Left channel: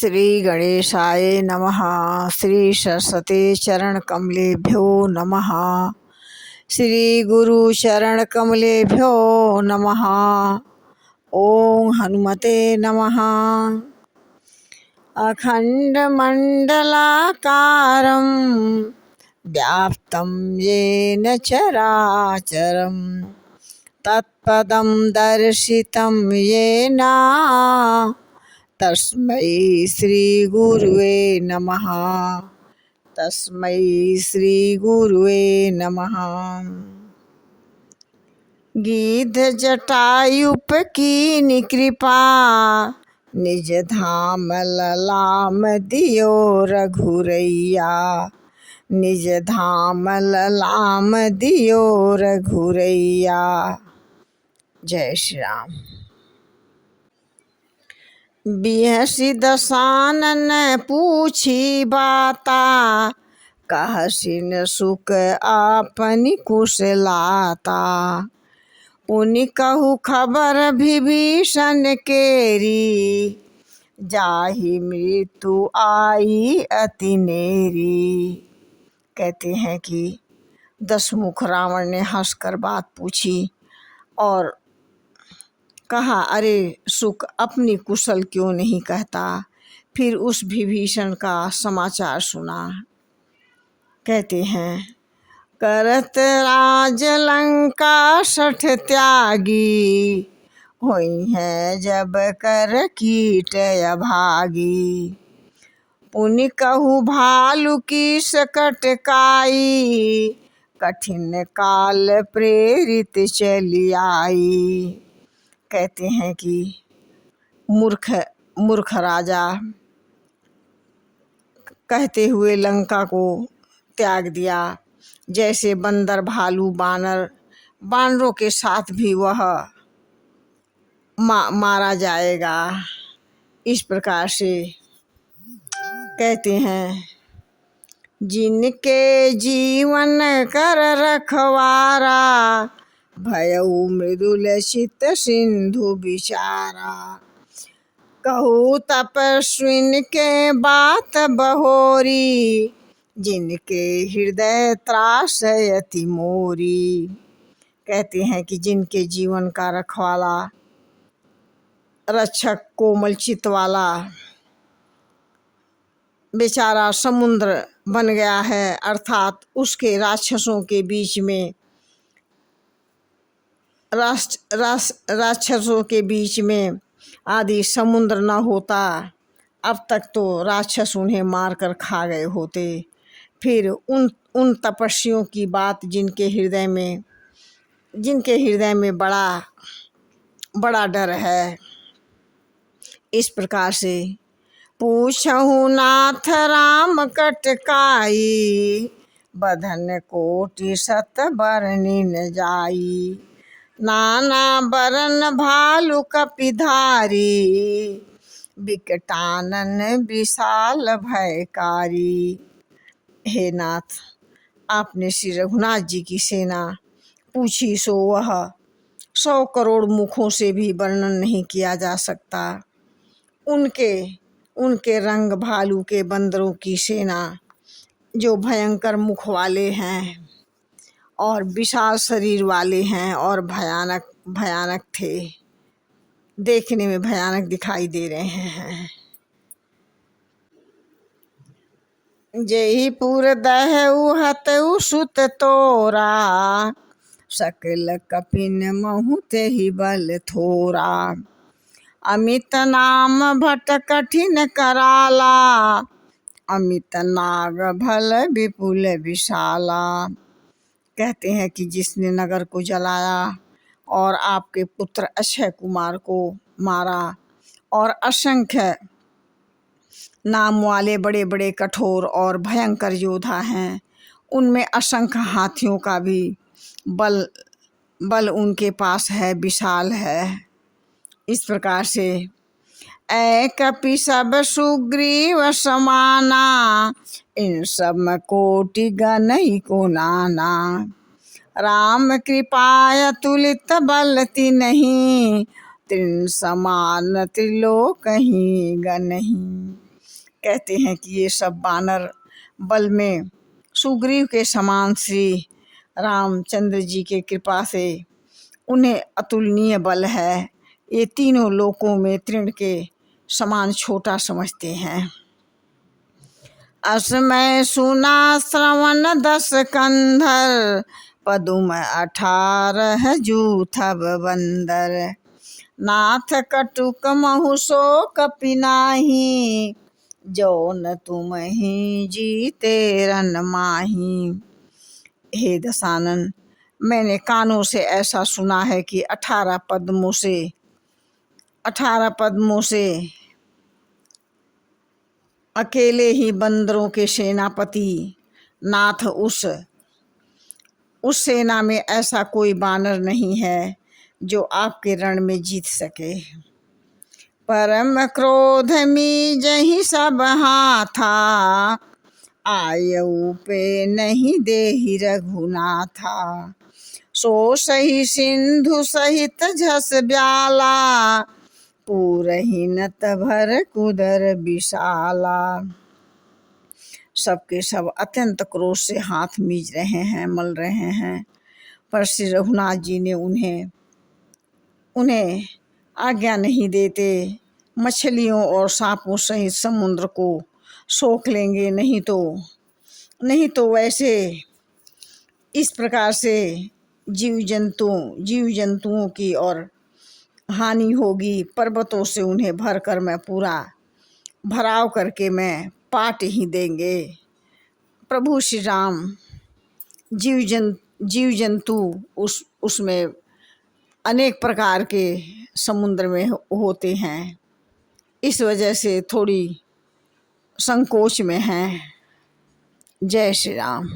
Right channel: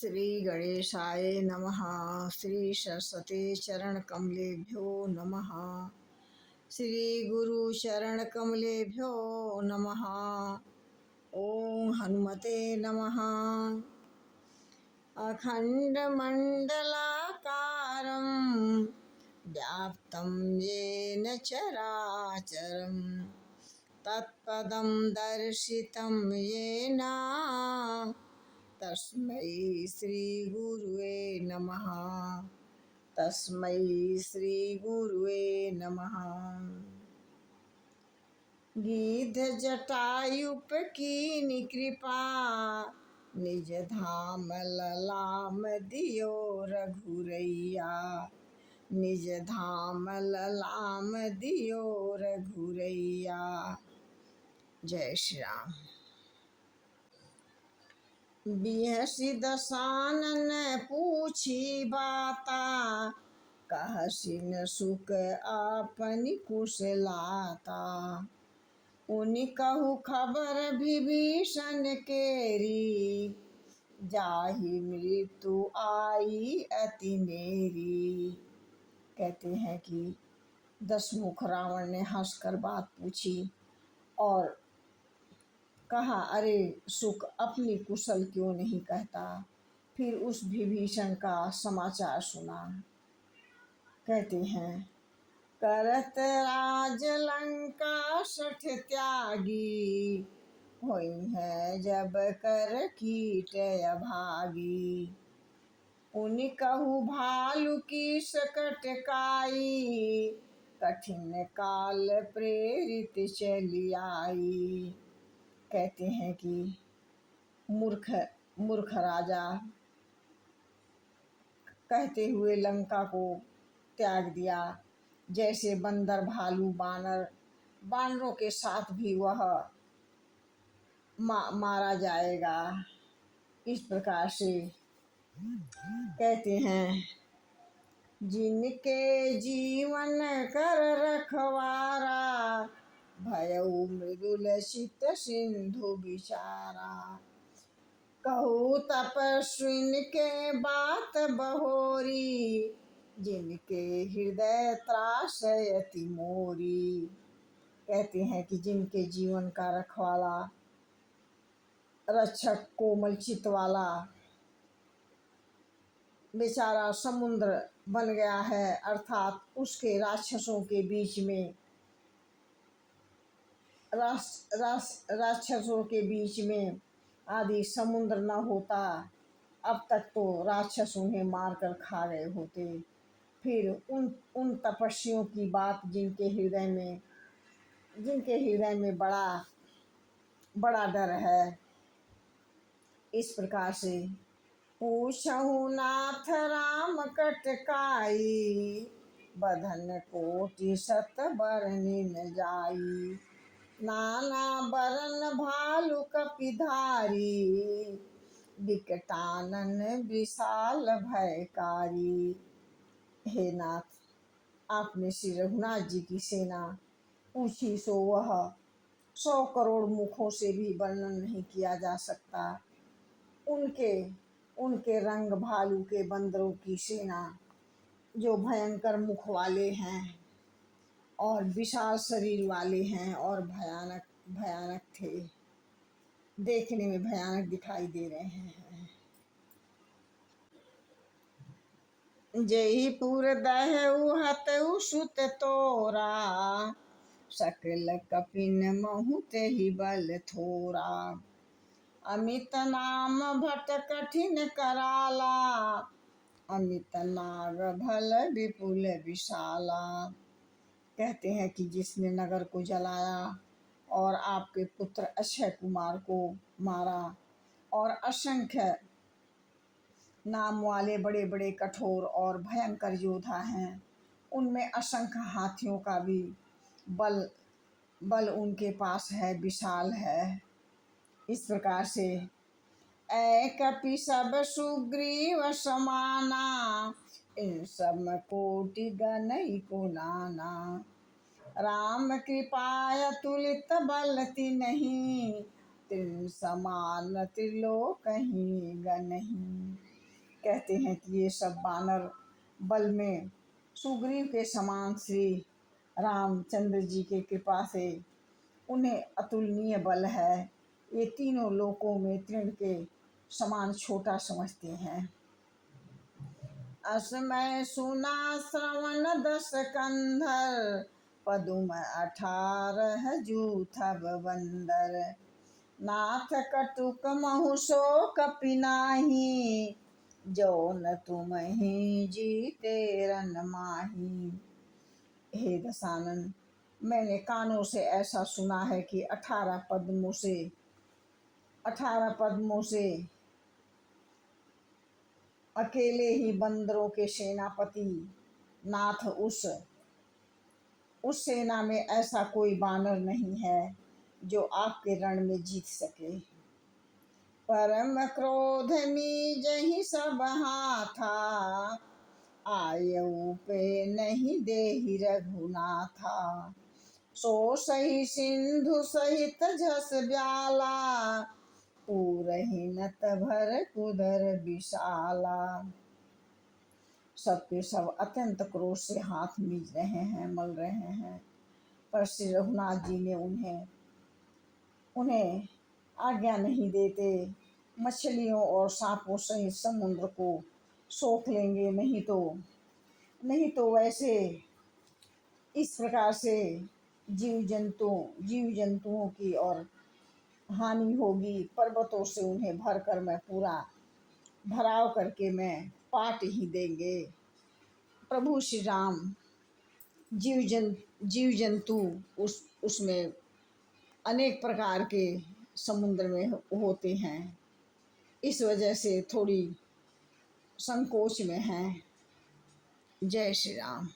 श्री गणेशाय नमः। श्री सरस्वती चरण कमलेभ्यो नमः। श्री गुरु चरण कमलेभ्यो नमः। ओम हनुमते नमः। अखंड मंडलाकारं व्याप्तं येन चराचरं तत्पदं दर्शितं येन तस्मै श्री गुरुवे नमः। तस्मै श्री गुरुवे नमः। गीध जटायुप कीनि कृपा निज धाम ललाम दियो रघुरैया। निज धाम ललाम दियो रघुरैया। जय श्री राम। बिहसी दसानन पूछी बाता कहसिन सुख आपनि कुशलाता। पुनि कहु खबर विभीषण केरी जाहि मृत्यु आई अति नेरी। कहते हैं कि दशमुख रावण ने हंसकर बात पूछी और कहा, अरे सुख अपनी कुशल क्यों नहीं कहता। फिर उस विभीषण का समाचार सुना। कहते हैं, करत राज लंका सठ त्यागी होई है जब कर कीट अभागी। पुनि कहु भालु की सकट काई कठिन काल प्रेरित चली आई। कहते हैं कि मूर्ख राजा कहते हुए लंका को त्याग दिया। जैसे बंदर भालू बानरों के साथ भी वह मारा जाएगा। इस प्रकार से कहते हैं, जिनके जीवन कर रखवारा भयउ मृदुल चित सिंधु विचारा। कहू तपस्विन के बात बहोरी जिनके हृदय त्रास अति मोरी। कहते हैं कि जिनके जीवन का रखवाला रक्षक कोमल चित वाला बेचारा समुद्र बन गया है, अर्थात उसके राक्षसों के बीच में राक्षसों के बीच में आदि समुद्र न होता, अब तक तो राक्षस उन्हें मारकर खा गए होते। फिर उन तपस्वियों की बात जिनके हृदय में बड़ा डर है। इस प्रकार से पूछहु नाथ राम कटकाई बधन कोटि सत बरनि न जाई। नाना बरन भालु कपिधारी विकटानन विशाल भयकारी। हे नाथ, आपने श्री रघुनाथ जी की सेना पूछी सो वह 100 करोड़ मुखों से भी वर्णन नहीं किया जा सकता। उनके रंग भालू के बंदरों की सेना जो भयंकर मुख वाले हैं और विशाल शरीर वाले हैं और भयानक थे, देखने में भयानक दिखाई दे रहे हैं। जयपुर दहउ हतउ सुत तोरा सकल कपिन महु तेहि बल थोरा। अमित नाम भट कठिन कराला अमित नाग भल विपुल विशाला। कहते हैं कि जिसने नगर को जलाया और आपके पुत्र अक्षय कुमार को मारा और असंख्य नाम वाले बड़े बड़े कठोर और भयंकर योद्धा हैं, उनमें असंख्य हाथियों का भी बल उनके पास है, विशाल है। इस प्रकार से ऐ कपि सब सुग्रीव समाना इन सब कोटि गनई को नाना। राम कृपाय तुलित बल तिन्हि तिन समान त्रिलोकहि गनहि। कहते हैं कि ये सब बानर बल में सुग्रीव के समान श्री रामचंद्र जी के कृपा से उन्हें अतुलनीय बल है। ये तीनों लोकों में तृण के समान छोटा समझते हैं। असमय सुना श्रवण 10 कंधर, पदुम 18 जूथब बंदर। नाथ कटुक महु शोक पिनाही, जौन तुम ही जीते रन माही। हे दशानन, मैंने कानों से ऐसा सुना है कि 18 पद्मों से अकेले ही बंदरों के सेनापति नाथ उस सेना में ऐसा कोई बानर नहीं है जो आपके रण में जीत सके। परम क्रोध में जही सब हाथा, आयु पे नहीं देहि रघुनाथा। सो सही सिंधु सहित झस ब्याला, पूरही नत भर कुदर विशाला। सबके सब अत्यंत क्रोध से हाथ मीज रहे हैं, मल रहे हैं, पर श्री रघुनाथ जी ने उन्हें आज्ञा नहीं देते। मछलियों और सांपों सहित समुद्र को सोख लेंगे, नहीं तो वैसे इस प्रकार से जीव जंतुओं की और हानि होगी। पर्वतों से उन्हें भरकर मैं पूरा भराव करके मैं पाट ही देंगे। प्रभु श्री राम जीव जंतु उसमें अनेक प्रकार के समुद्र में होते हैं, इस वजह से थोड़ी संकोच में हैं। जय श्री राम।